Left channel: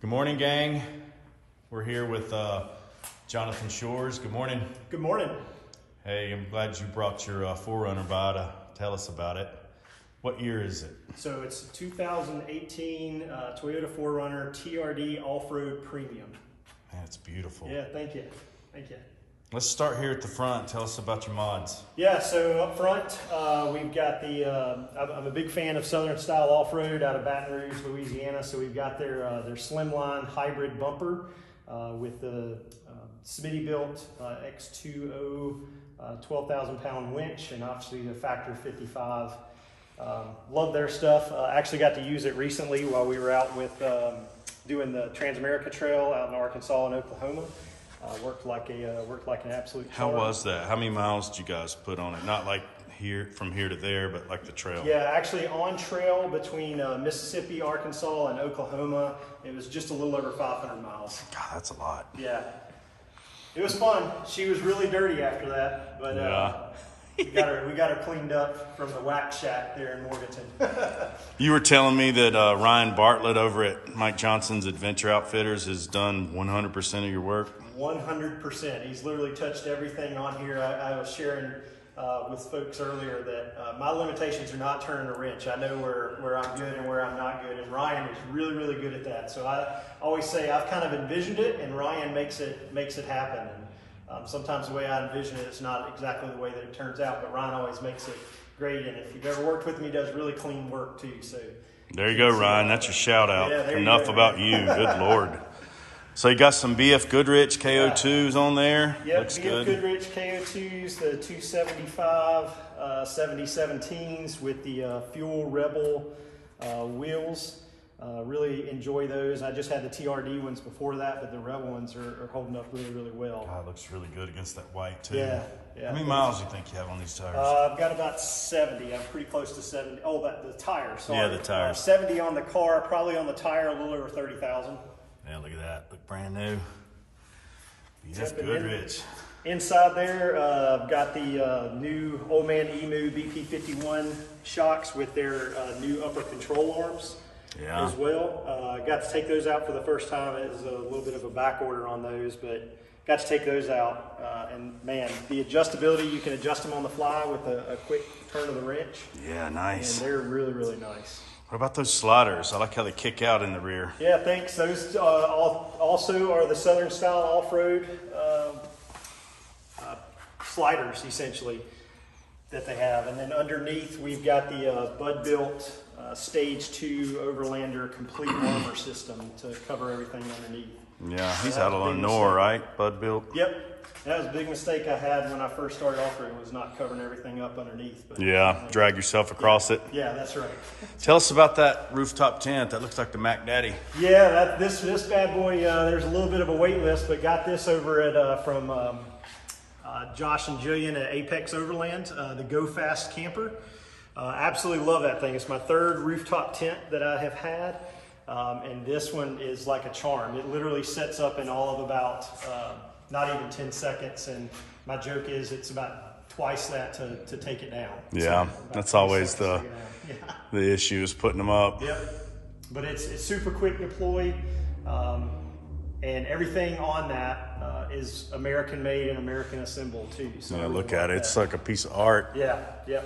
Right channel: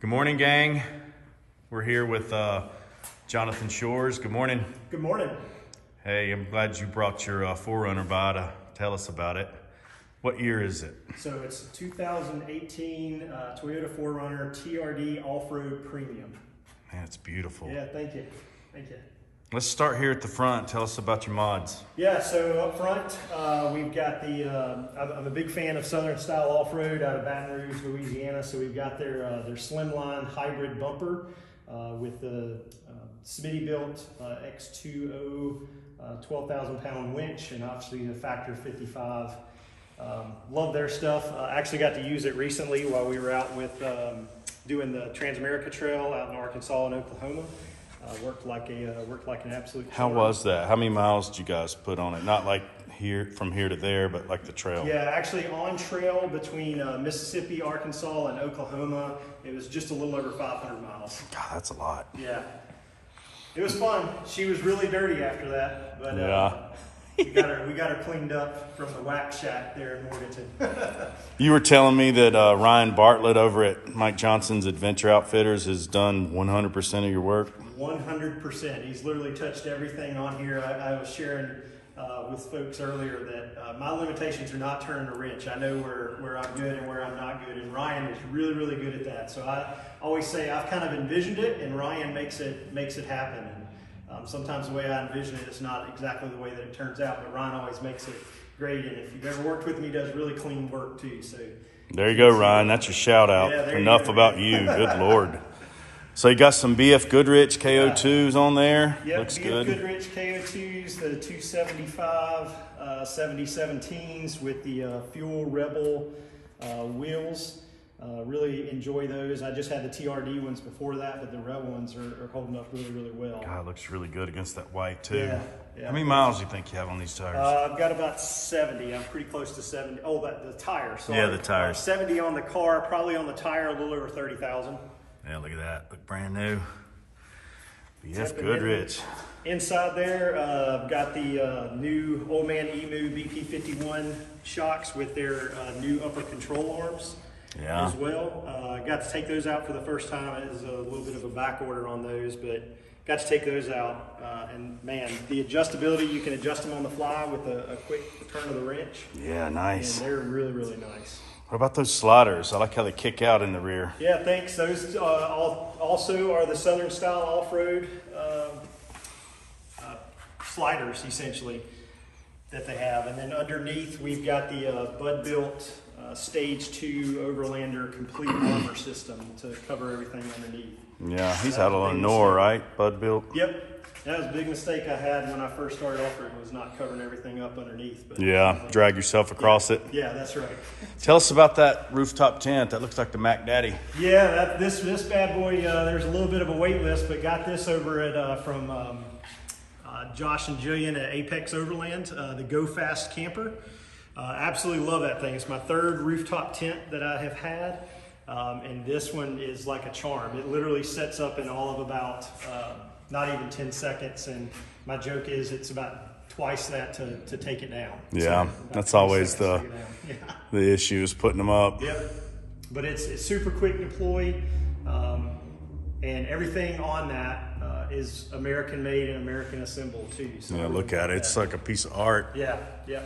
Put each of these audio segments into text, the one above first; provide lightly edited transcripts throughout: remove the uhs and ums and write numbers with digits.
Good morning, gang. We're here with Jonathan Shores. Good morning. Good morning. Hey, I'm glad you brought your 4Runner by to tell us about it. What year is it? So it's 2018 Toyota 4Runner TRD Off-Road Premium. Man, it's beautiful. Yeah, thank you. Thank you. Let's start here at the front. Tell us about your mods. Yeah, so up front, we've got the, I'm a big fan of Southern style off-road out of Baton Rouge, Louisiana. So we've got their slimline hybrid bumper with the Smitty built X2O 12,000 pound winch and obviously the factor 55. Love their stuff. Actually got to use it recently while we were out with doing the Trans-America Trail out in Arkansas and Oklahoma. Worked like an absolute. How was that? How many miles did you guys put on it? Not like here from here to there, but like the trail. Yeah, actually on trail between Mississippi, Arkansas, and Oklahoma, it was just a little over 500 miles. God, that's a lot. Yeah, it was fun. She was really dirty after that, but yeah. we got her cleaned up from the wax shack there in Morganton. You were telling me that Ryan Bartlett over at Mike Johnson's Adventure Outfitters has done 100% of your work. 100%. He's literally touched everything on here. I was sharing with folks earlier that my limitations are not turning a wrench. I know where I'm good and where I'm not good, and Ryan is really, really good at that. So I always say I've kind of envisioned it, and Ryan makes it happen. And sometimes the way I envision it is not exactly the way that it turns out, but Ryan always makes it great. And if you've ever worked with him, he does really clean work too. So there you go, Ryan. That's your shout out. Yeah, Enough about you. Good Lord. So you got some BF Goodrich KO2s on there. Yep, looks BF good. Goodrich KO2s, the 275 7017s with the Fuel Rebel wheels. Really enjoy those. I just had the TRD ones before that, but the Rebel ones are holding up really, really well. God, it looks really good against that white too. Yeah. How many miles do you think you have on these tires? I've got about 70. I'm pretty close to 70. Oh, the tires. Sorry. Yeah, the tires. 70 on the car, probably on the tire, a little over 30,000. Yeah, look at that. Look brand new. BF Goodrich. Inside there, I've got the new Old Man Emu BP51 shocks with their new upper control arms as well. Got to take those out for the first time. It was a little bit of a back order on those, but got to take those out. And man, the adjustability, you can adjust them on the fly with a quick turn of the wrench. Yeah, nice. And they're really, really nice. What about those sliders? I like how they kick out in the rear. Yeah, thanks. Those also are the Southern style off-road sliders, essentially, that they have. And then underneath, we've got the Bud-built Stage 2 Overlander complete armor system to cover everything underneath. Yeah, he's had a Lenore, right? Bud-built? Yep. That was a big mistake I had when I first started off-roading, was not covering everything up underneath. But, yeah, drag yourself across it. Yeah, that's right. Tell us about that rooftop tent. That looks like the Mac Daddy. Yeah, this bad boy, there's a little bit of a wait list, but got this over at from Josh and Jillian at Apex Overland, the Go Fast camper. Absolutely love that thing. It's my third rooftop tent that I have had. And this one is like a charm. It literally sets up in all of about not even 10 seconds. And my joke is it's about twice that to take it down. Yeah, so that's always the issue is putting them up. Yep. But it's super quick deployed. And everything on that is American made and American assembled too. So yeah, look at it. It's like a piece of art. Yeah, yeah.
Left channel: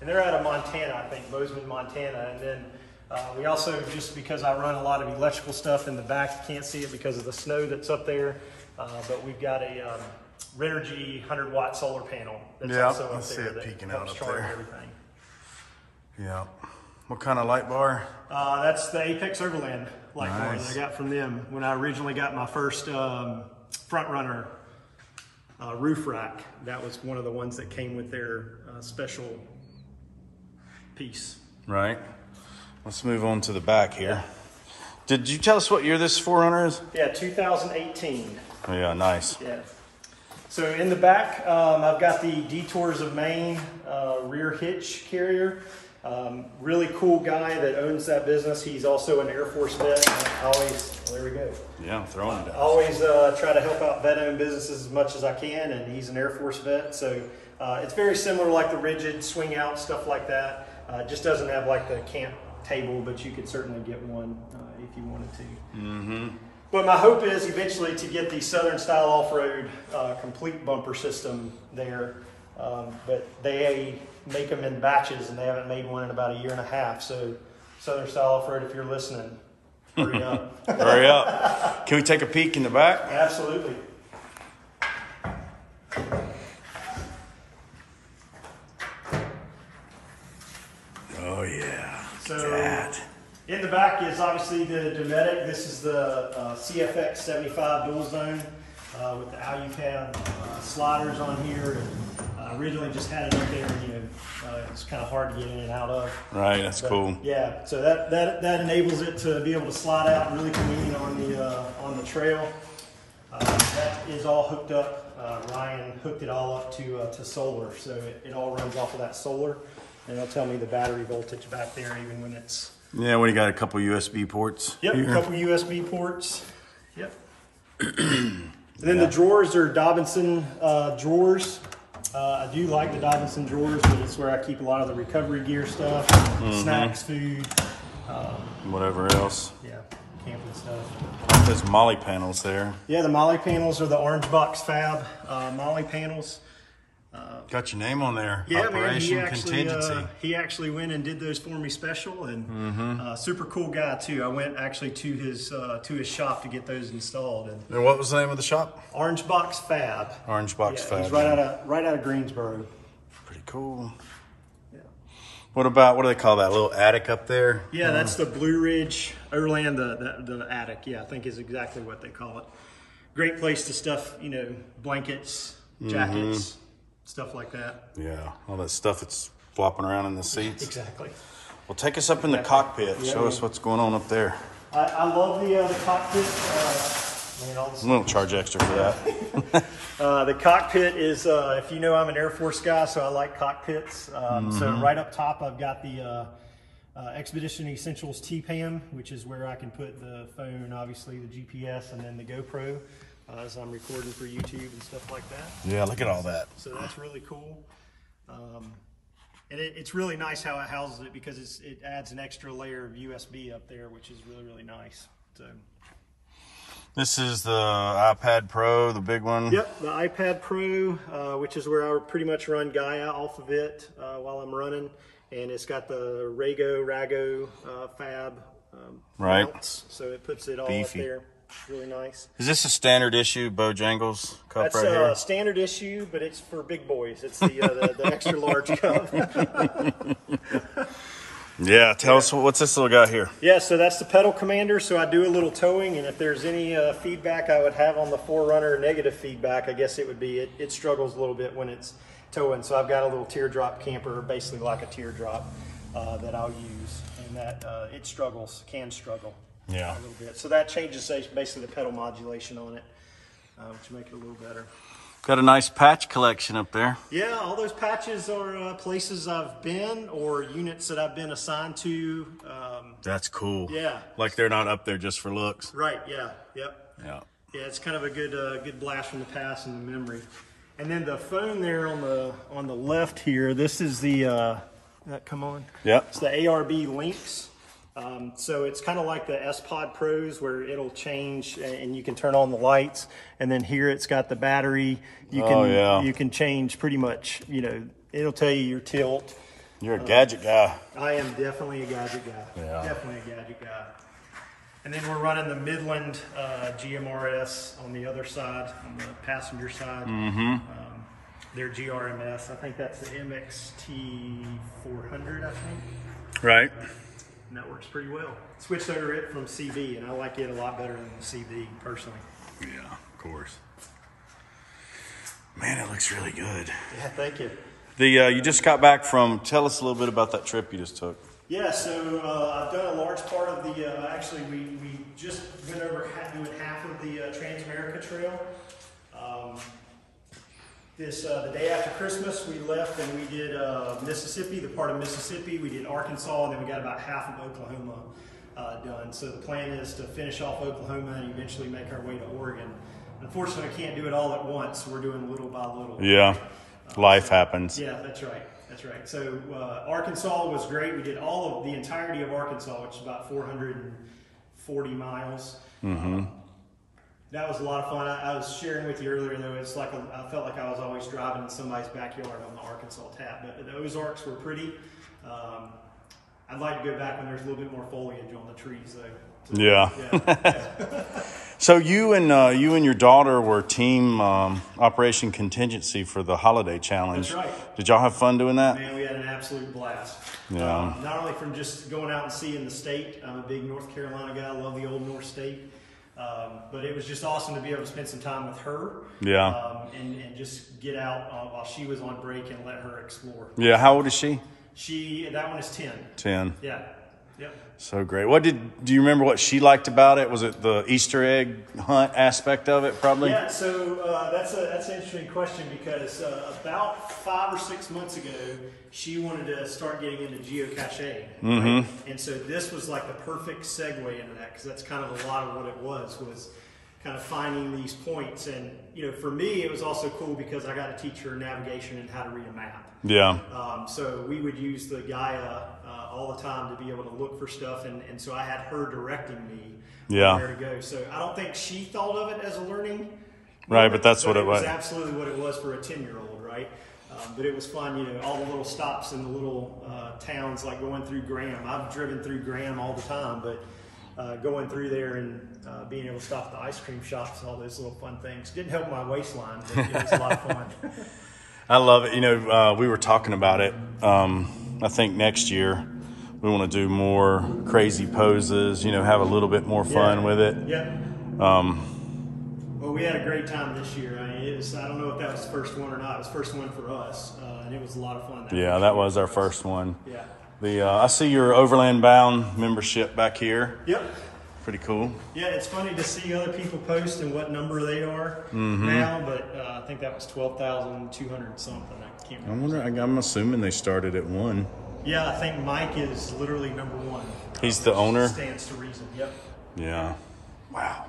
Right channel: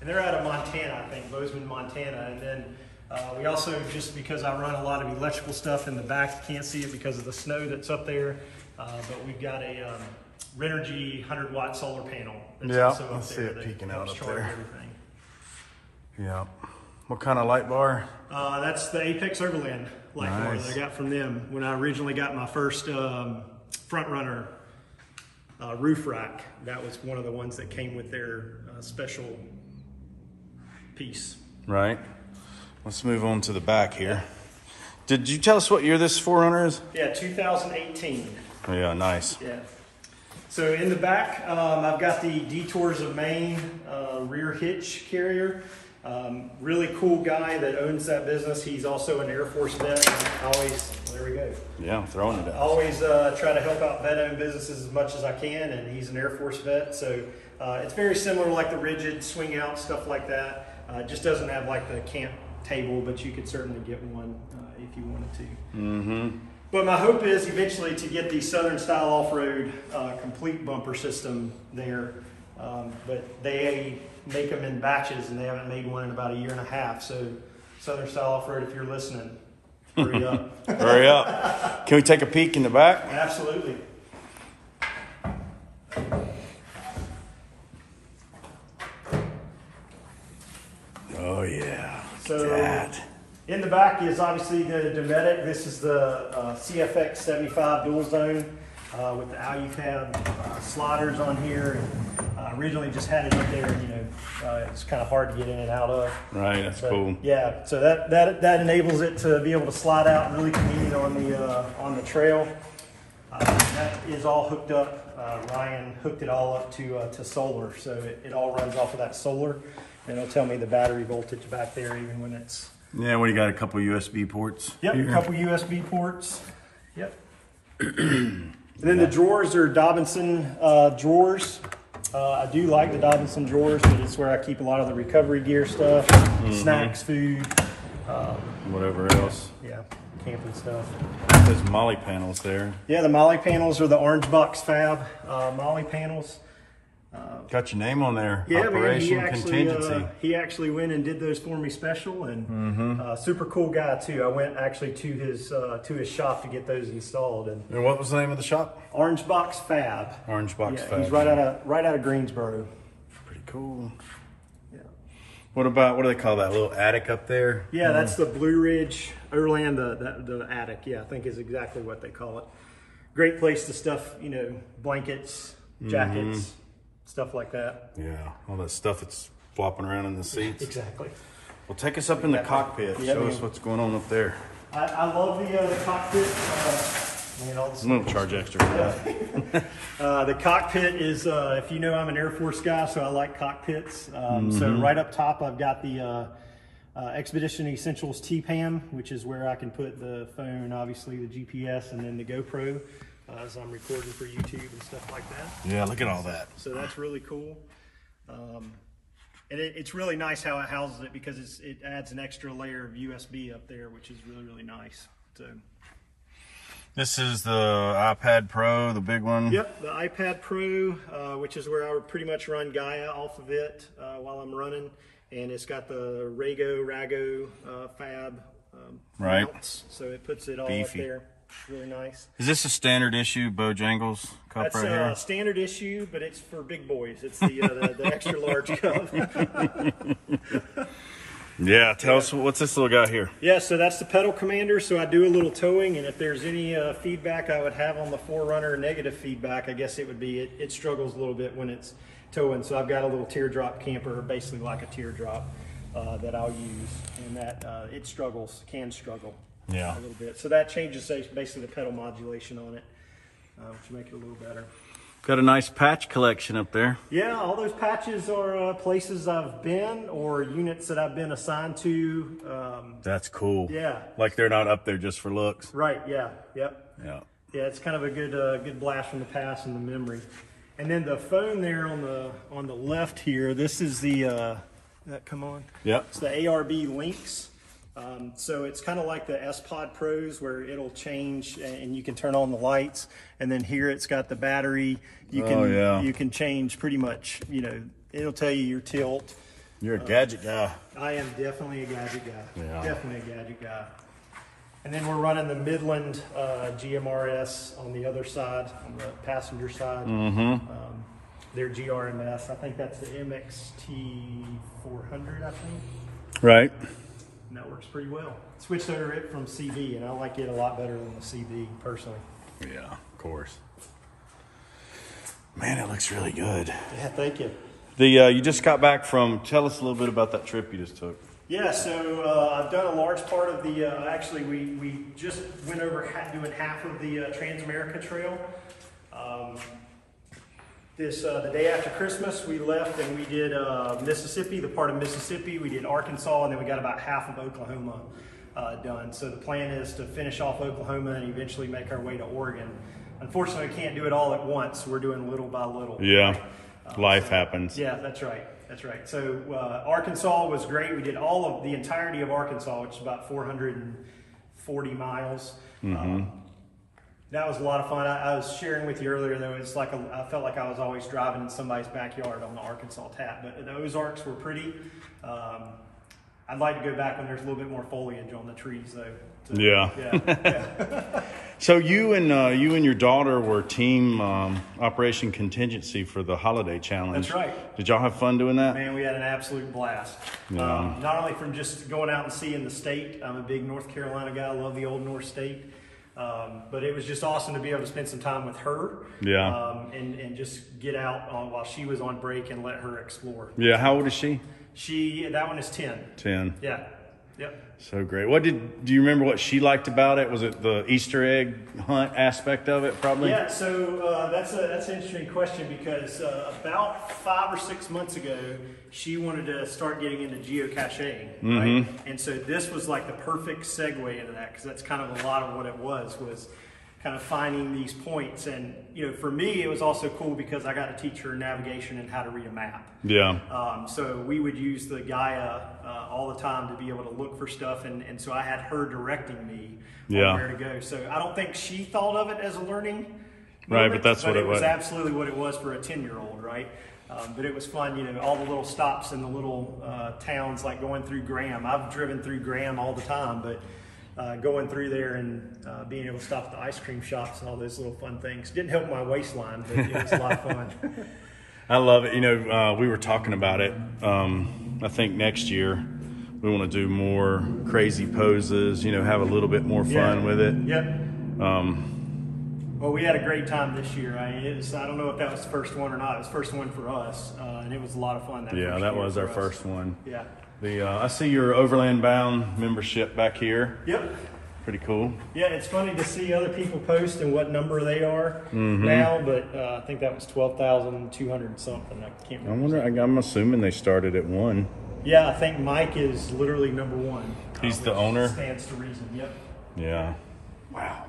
And they're out of Montana, I think, Bozeman, Montana. And then we also, just because I run a lot of electrical stuff in the back, you can't see it because of the snow that's up there, but we've got a Renogy 100-watt solar panel. Yeah, I see it peeking out up there. Everything. Yeah. What kind of light bar? That's the Apex Overland light bar that I got from them when I originally got my first 4Runner roof rack. That was one of the ones that came with their special piece. Right. Let's move on to the back here. Did you tell us what year this 4Runner is? Yeah, 2018. Oh, yeah, nice. Yeah. So in the back, I've got the Detours of Maine rear hitch carrier. Really cool guy that owns that business. He's also an Air Force vet. There we go. Yeah, I'm throwing it out. Always try to help out vet-owned businesses as much as I can, and he's an Air Force vet. So it's very similar, like the rigid swing out, stuff like that. It just doesn't have like the table, but you could certainly get one if you wanted to. Mm-hmm. But my hope is eventually to get the Southern style off-road complete bumper system there. But they make them in batches, and they haven't made one in about 1.5 years. So Southern style off-road, if you're listening, hurry up. Hurry up. Can we take a peek in the back? Absolutely. Oh, yeah. So that. In the back is obviously the Dometic. This is the CFX 75 dual zone with the AluPad sliders on here. And originally just had it up there, you know, it's kind of hard to get in and out of. Right, that's cool. Yeah, so that enables it to be able to slide out really convenient on the trail. That is all hooked up. Ryan hooked it all up to solar, so it all runs off of that solar. And it'll tell me the battery voltage back there even when it's... Yeah, what do you got? A couple USB ports? Yep, here? a couple USB ports. Yep. And then the drawers are Dobinson drawers. I do like the Dobinson drawers because it's where I keep a lot of the recovery gear stuff, snacks, food. Whatever else. Yeah, camping stuff. There's Molly panels there. Yeah, the Molly panels are the Orange Box Fab Molly panels. Got your name on there. Yeah, Operation man, Contingency. He actually went and did those for me special, and super cool guy too. I went actually to his shop to get those installed. And what was the name of the shop? Orange Box Fab. Orange Box Fab. He's right out of Greensboro. Pretty cool. Yeah. What do they call that little attic up there? Yeah, that's the Blue Ridge Overland, the attic. Yeah, I think is exactly what they call it. Great place to stuff, you know, blankets, jackets. Stuff like that. Yeah, all that stuff that's flopping around in the seats. Exactly. Well, take us up in the cockpit. Show us what's going on up there. I love the cockpit. A little charge extra for that. The cockpit is, if you know, I'm an Air Force guy, so I like cockpits. So right up top, I've got the Expedition Essentials T-PAM, which is where I can put the phone, obviously the GPS, and then the GoPro. As I'm recording for YouTube and stuff like that. Yeah, look at all that. So that's really cool. And it's really nice how it houses it because it adds an extra layer of USB up there, which is really, really nice. So this is the iPad Pro, the big one. Yep, the iPad Pro, which is where I pretty much run Gaia off of it while I'm running. And it's got the Rago Fab mounts, so it puts it all beefy up there. Really nice. Is this a standard issue Bojangles cup That's right here? That's a standard issue, but it's for big boys. It's the extra large cup. Yeah, tell us, what's this little guy here? Yeah, so that's the pedal commander. So I do a little towing, and if there's any feedback I would have on the 4Runner, negative feedback, I guess it would be it struggles a little bit when it's towing. So I've got a little teardrop camper, basically like a teardrop, that I'll use, and that can struggle. Yeah. A little bit. So that changes basically the pedal modulation on it, to make it a little better. Got a nice patch collection up there. Yeah, all those patches are places I've been or units that I've been assigned to. That's cool. Yeah. Like they're not up there just for looks. Right, yeah, yep. Yeah. Yeah, it's kind of a good blast from the past and the memory. And then the phone there on the left here, this is the, come on. Yep. It's the ARB Lynx. So it's kind of like the S-Pod Pros where it'll change and you can turn on the lights, and then here it's got the battery. You can change pretty much, you know, it'll tell you your tilt. You're a gadget guy. I am definitely a gadget guy. Yeah. Definitely a gadget guy. And then we're running the Midland GMRS on the other side, on the passenger side. Their GRMS. I think that's the MXT 400, I think. Right. And that works pretty well. Switched over it from CB, and I like it a lot better than the CB, personally. Yeah, of course. Man, it looks really good. Yeah, thank you. You just got back from, tell us a little bit about that trip you just took. Yeah, so I've done a large part of the, actually we just went over doing half of the Trans-America Trail. The day after Christmas, we left and we did Mississippi, the part of Mississippi. We did Arkansas, and then we got about half of Oklahoma done. So the plan is to finish off Oklahoma and eventually make our way to Oregon. Unfortunately, we can't do it all at once. We're doing little by little. Yeah, life happens. Yeah, that's right. That's right. So Arkansas was great. We did all of the entirety of Arkansas, which is about 440 miles. That was a lot of fun. I was sharing with you earlier, though, it's like I felt like I was always driving in somebody's backyard on the Arkansas Tap. But the Ozarks were pretty. I'd like to go back when there's a little bit more foliage on the trees, though. Yeah. Yeah. So you and your daughter were team Operation Contingency for the Holiday Challenge. That's right. Did y'all have fun doing that? Man, we had an absolute blast. Yeah. Not only from just going out and seeing the state. I'm a big North Carolina guy. I love the old North State. But it was just awesome to be able to spend some time with her. Yeah. And just get out while she was on break and let her explore. Yeah. How old is she? That one is 10. 10. Yeah. Yep. So great. Do you remember what she liked about it? Was it the Easter egg hunt aspect of it, probably? Yeah, so that's an interesting question because about 5 or 6 months ago, she wanted to start getting into geocaching, right? And so this was like the perfect segue into that because that's kind of a lot of what it was kind of finding these points. And, you know, for me, it was also cool because I got to teach her navigation and how to read a map. Yeah. So we would use the Gaia all the time to be able to look for stuff. And so I had her directing me on where to go. So I don't think she thought of it as a learning right, but that's what it was. It was absolutely what it was for a 10-year-old, right? But it was fun, you know, all the little stops in the little towns, like going through Graham. I've driven through Graham all the time, but going through there and being able to stop at the ice cream shops and all those little fun things. Didn't help my waistline, but it was a lot of fun. I love it. You know, we were talking about it. I think next year we want to do more crazy poses, you know, have a little bit more fun with it. Yep. Well, we had a great time this year. I mean, I don't know if that was the first one or not. It was the first one for us, and it was a lot of fun. That was our first one. Yeah. I see your Overland Bound membership back here. Yep. Pretty cool. Yeah, it's funny to see other people post and what number they are now, but I think that was 12,200 something. I can't remember. I'm assuming they started at 1. Yeah, I think Mike is literally number 1. He's the owner? Stands to reason, yep. Yeah. Wow.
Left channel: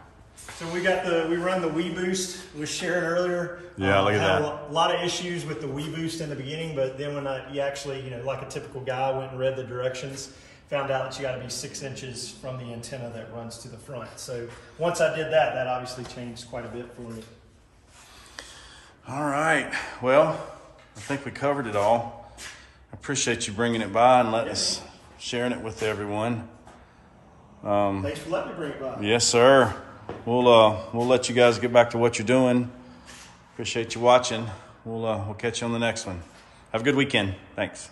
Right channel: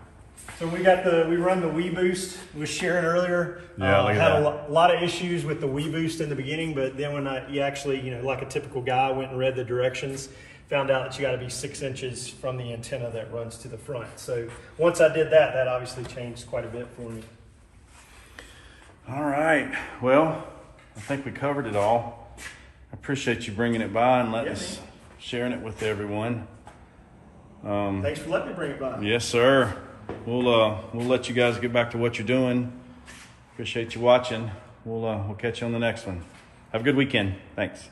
So we run the Wii Boost. We was sharing earlier. Yeah, look at that. A lot of issues with the Wii Boost in the beginning, but then when you actually, you know, like a typical guy, went and read the directions, found out that you got to be 6 inches from the antenna that runs to the front. So once I did that, that obviously changed quite a bit for me. All right. Well, I think we covered it all. I appreciate you bringing it by and letting us sharing it with everyone. Thanks for letting me bring it by. Yes, sir. We'll let you guys get back to what you're doing. Appreciate you watching. We'll catch you on the next one. Have a good weekend. Thanks.